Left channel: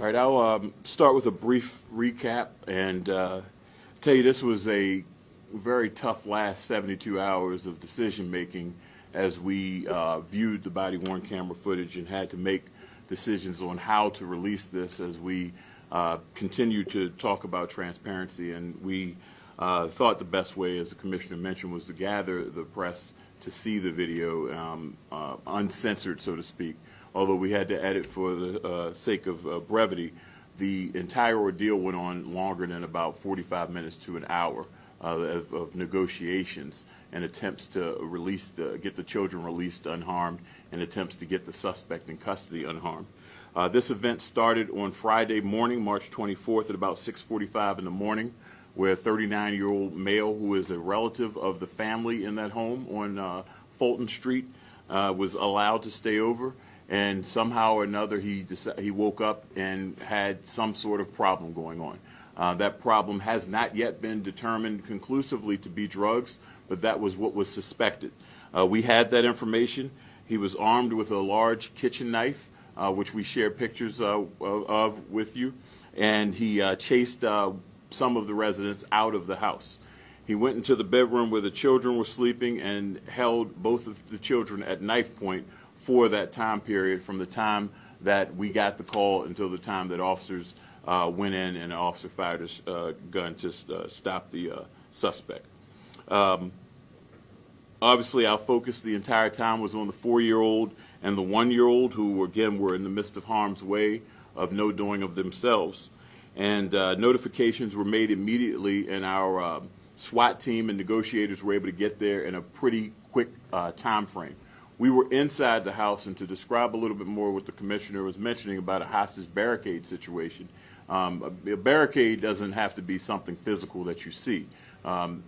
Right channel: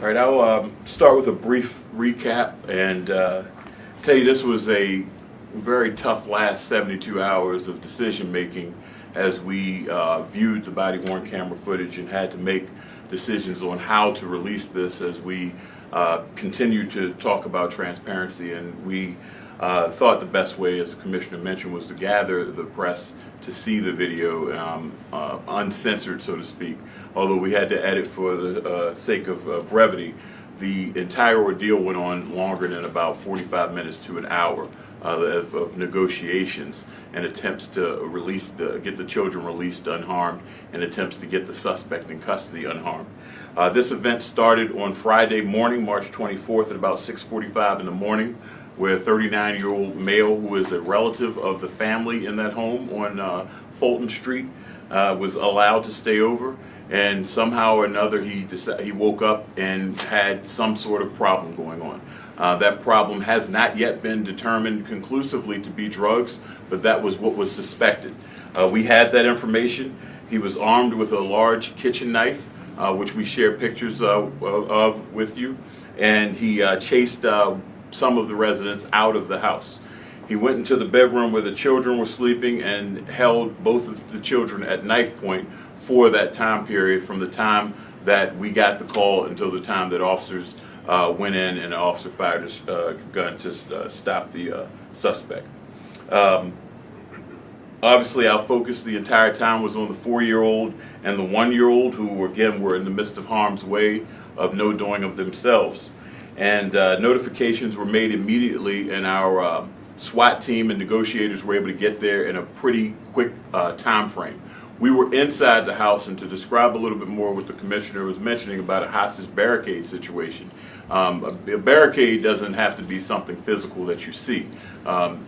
All right, I'll start with a brief recap and tell you this was a very tough last 72 hours of decision making as we viewed the body-worn camera footage and had to make decisions on how to release this as we continue to talk about transparency. And we thought the best way, as the Commissioner mentioned, was to gather the press to see the video uncensored, so to speak. Although we had to edit for the sake of brevity, the entire ordeal went on longer than about 45 minutes to an hour of negotiations and attempts to get the children released unharmed and attempts to get the suspect in custody unharmed. This event started on Friday morning, March 24th at about 6:45 in the morning, where a 39-year-old male who is a relative of the family in that home on Fulton Street was allowed to stay over. And somehow or another, he woke up and had some sort of problem going on. That problem has not yet been determined conclusively to be drugs, but that was what was suspected. We had that information. He was armed with a large kitchen knife, which we share pictures of with you, and he chased some of the residents out of the house. He went into the bedroom where the children were sleeping and held both of the children at knife point for that time period, from the time that we got the call until the time that officers went in and an officer fired his gun to stop the suspect. Obviously, our focus the entire time was on the 4-year-old and the 1-year-old, who again were in the midst of harm's way of no doing of themselves. And notifications were made immediately, and our SWAT team and negotiators were able to get there in a pretty quick time frame. We were inside the house, and to describe a little bit more what the Commissioner was mentioning about a hostage barricade situation, a barricade doesn't have to be something physical that you see.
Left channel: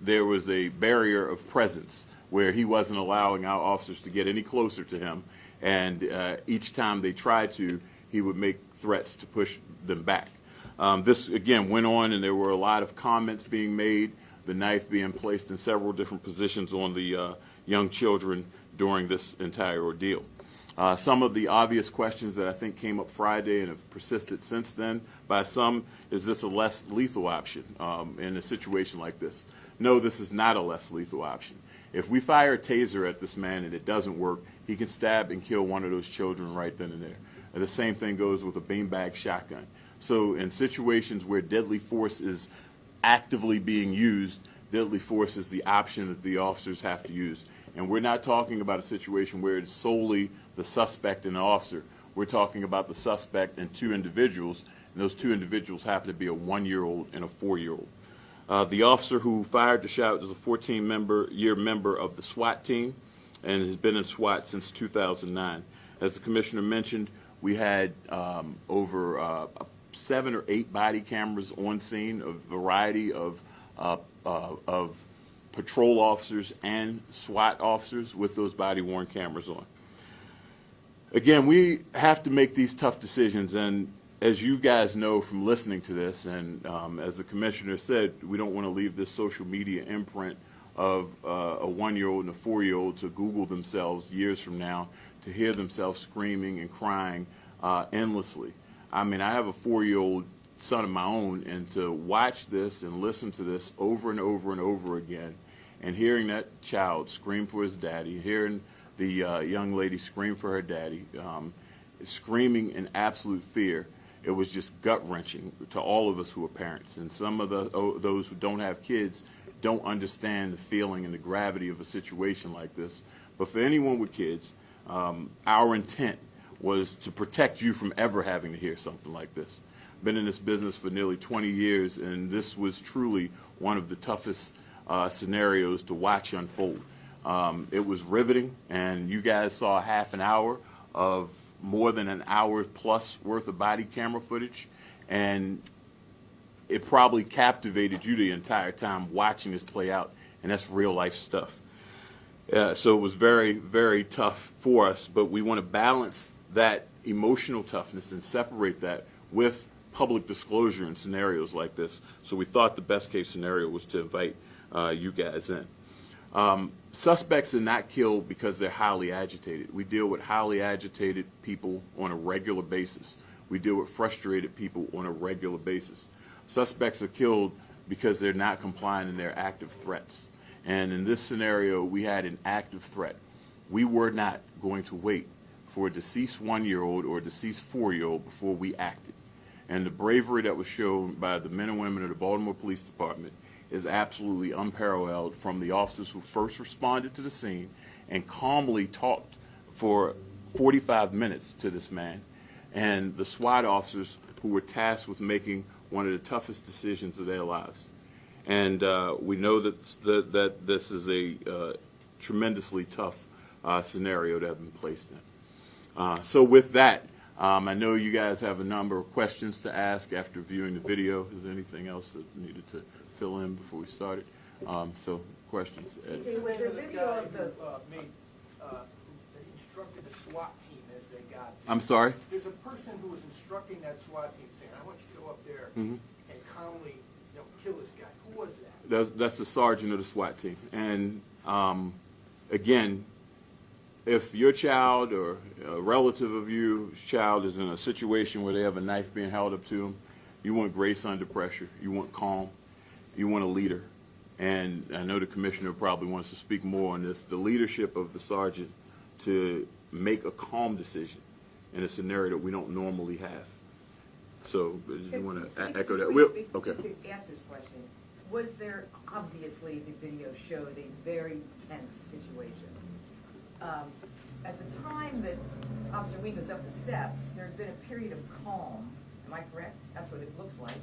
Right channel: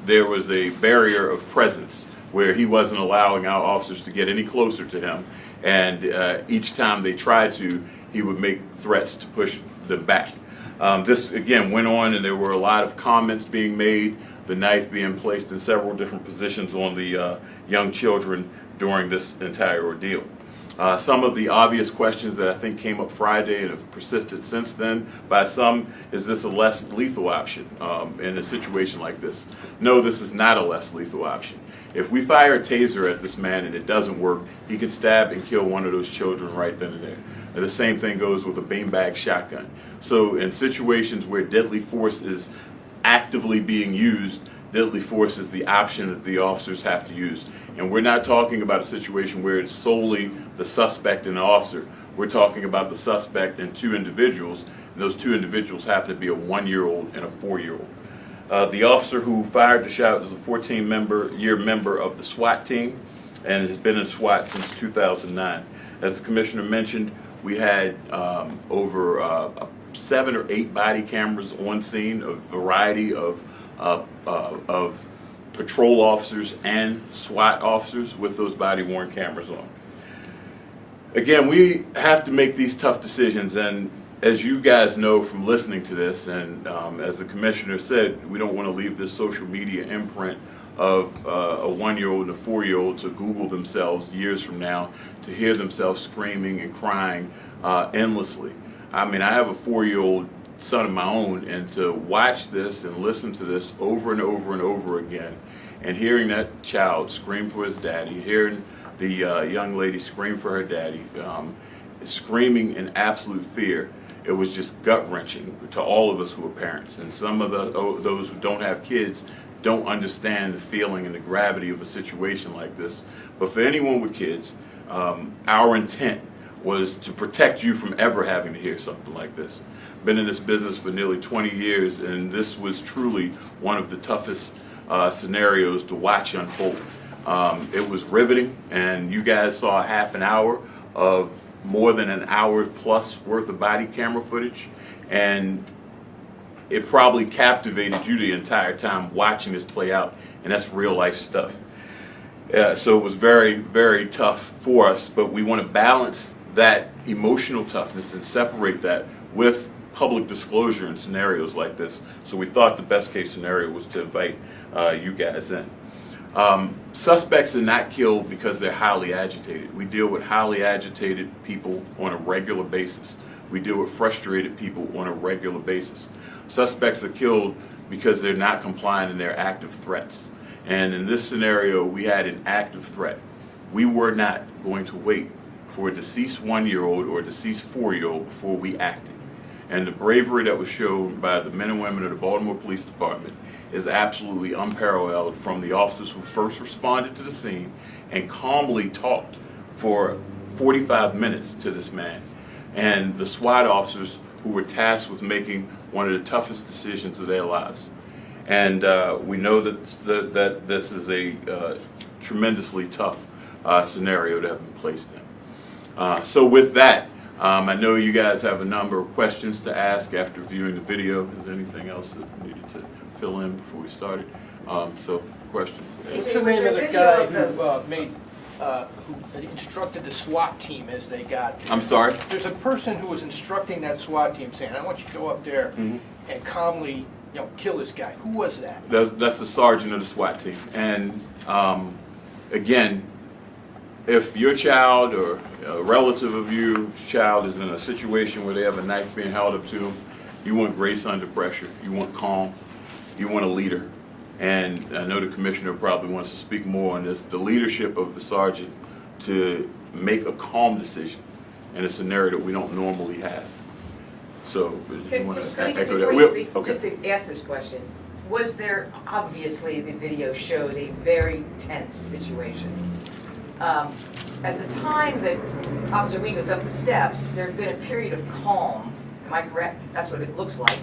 There was a barrier of presence where he wasn't allowing our officers to get any closer to him, and each time they tried to, he would make threats to push them back. This again went on, and there were a lot of comments being made, the knife being placed in several different positions on the young children during this entire ordeal. Some of the obvious questions that I think came up Friday and have persisted since then by some: is this a less lethal option in a situation like this? No, this is not a less lethal option. If we fire a taser at this man and it doesn't work, he can stab and kill one of those children right then and there. And the same thing goes with a beanbag shotgun. So in situations where deadly force is actively being used, deadly force is the option that the officers have to use. And we're not talking about a situation where it's solely the suspect and the officer. We're talking about the suspect and 2 individuals. And those 2 individuals happen to be a 1-year-old and a 4-year-old. The officer who fired the shot is a 14-year member of the SWAT team and has been in SWAT since 2009. As the Commissioner mentioned, we had over 7 or 8 body cameras on scene, a variety of patrol officers and SWAT officers with those body-worn cameras on. Again, we have to make these tough decisions, and as you guys know from listening to this, and as the Commissioner said, we don't want to leave this social media imprint of a 1-year-old and a 4-year-old to Google themselves years from now, to hear themselves screaming and crying endlessly. I mean, I have a 4-year-old son of my own, and to watch this and listen to this over and over and over again, and hearing that child scream for his daddy, hearing the young lady scream for her daddy, screaming in absolute fear, it was just gut-wrenching to all of us who are parents. And some of those who don't have kids don't understand the feeling and the gravity of a situation like this. But for anyone with kids, our intent was to protect you from ever having to hear something like this. Been in this business for nearly 20 years, and this was truly one of the toughest scenarios to watch unfold. It was riveting, and you guys saw a half an hour of more than an hour plus worth of body camera footage, and it probably captivated you the entire time watching this play out, and that's real life stuff. So it was very, very tough for us, but we want to balance that emotional toughness and separate that with public disclosure in scenarios like this. So we thought the best case scenario was to invite you guys in. Suspects are not killed because they're highly agitated. We deal with highly agitated people on a regular basis. We deal with frustrated people on a regular basis. Suspects are killed because they're not complying in their active threats. And in this scenario, we had an active threat. We were not going to wait for a deceased 1-year-old or a deceased 4-year-old before we acted. And the bravery that was shown by the men and women of the Baltimore Police Department is absolutely unparalleled, from the officers who first responded to the scene and calmly talked for 45 minutes to this man, and the SWAT officers who were tasked with making one of the toughest decisions of their lives. And we know that this is a tremendously tough scenario to have been placed in. So with that, I know you guys have a number of questions to ask after viewing the video. Is there anything else that we needed to fill in before we started? So questions? What's the name of the guy who instructed the SWAT team as they got? I'm sorry? There's a person who was instructing that SWAT team saying, I want you to go up there and calmly, kill this guy. Who was that? That's the sergeant of the SWAT team. And again, if your child or a relative of your child is in a situation where they have a knife being held up to them, you want grace under pressure. You want calm. You want a leader. And I know the commissioner probably wants to speak more on this. The leadership of the sergeant to make a calm decision in a scenario that we don't normally have. So, you want to echo that? Okay. Just to ask this question, was there, obviously the video shows a very tense situation. At the time that Officer Wing was up the steps, there had been a period of calm. Am I correct? That's what it looks like.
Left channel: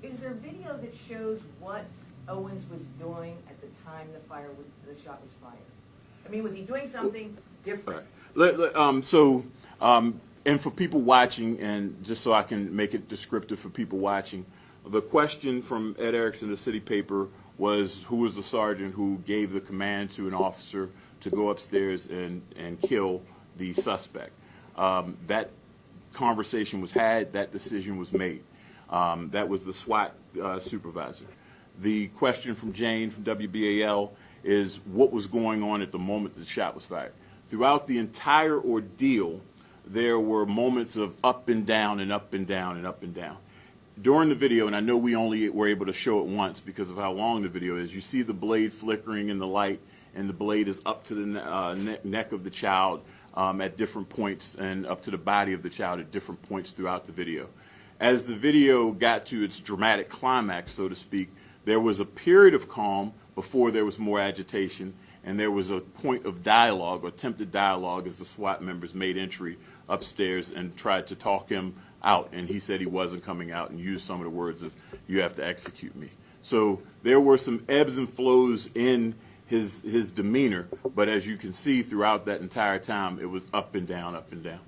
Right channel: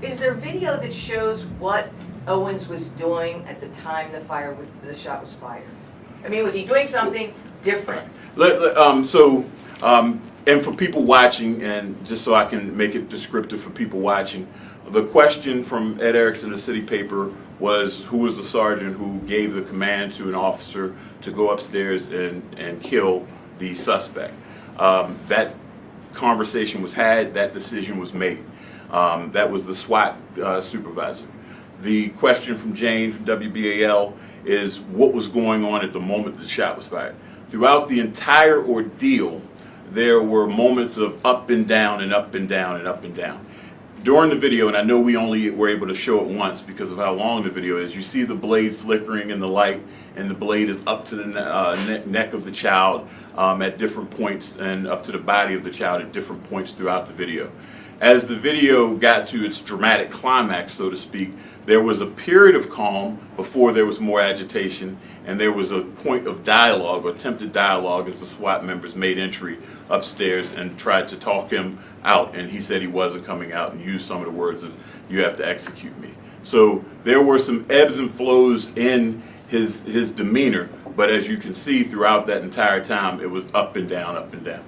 Is there video that shows what Owens was doing at the time the shot was fired? I mean, was he doing something different? And for people watching, and just so I can make it descriptive for people watching, the question from Ed Erickson, the city paper, was who was the sergeant who gave the command to an officer to go upstairs and kill the suspect. That conversation was had, that decision was made. That was the SWAT supervisor. The question from James, WBAL, is what was going on at the moment the shot was fired. Throughout the entire ordeal, there were moments of up and down and up and down and up and down. During the video, and I know we only were able to show it once because of how long the video is, you see the blade flickering in the light, and the blade is up to the neck of the child at different points, and up to the body of the child at different points throughout the video. As the video got to its dramatic climax, so to speak, there was a period of calm before there was more agitation, and there was a point of dialogue, or attempted dialogue, as the SWAT members made entry upstairs and tried to talk him out, and he said he wasn't coming out and used some of the words of, "You have to execute me." So there were some ebbs and flows in his demeanor, but as you can see throughout that entire time, it was up and down, up and down.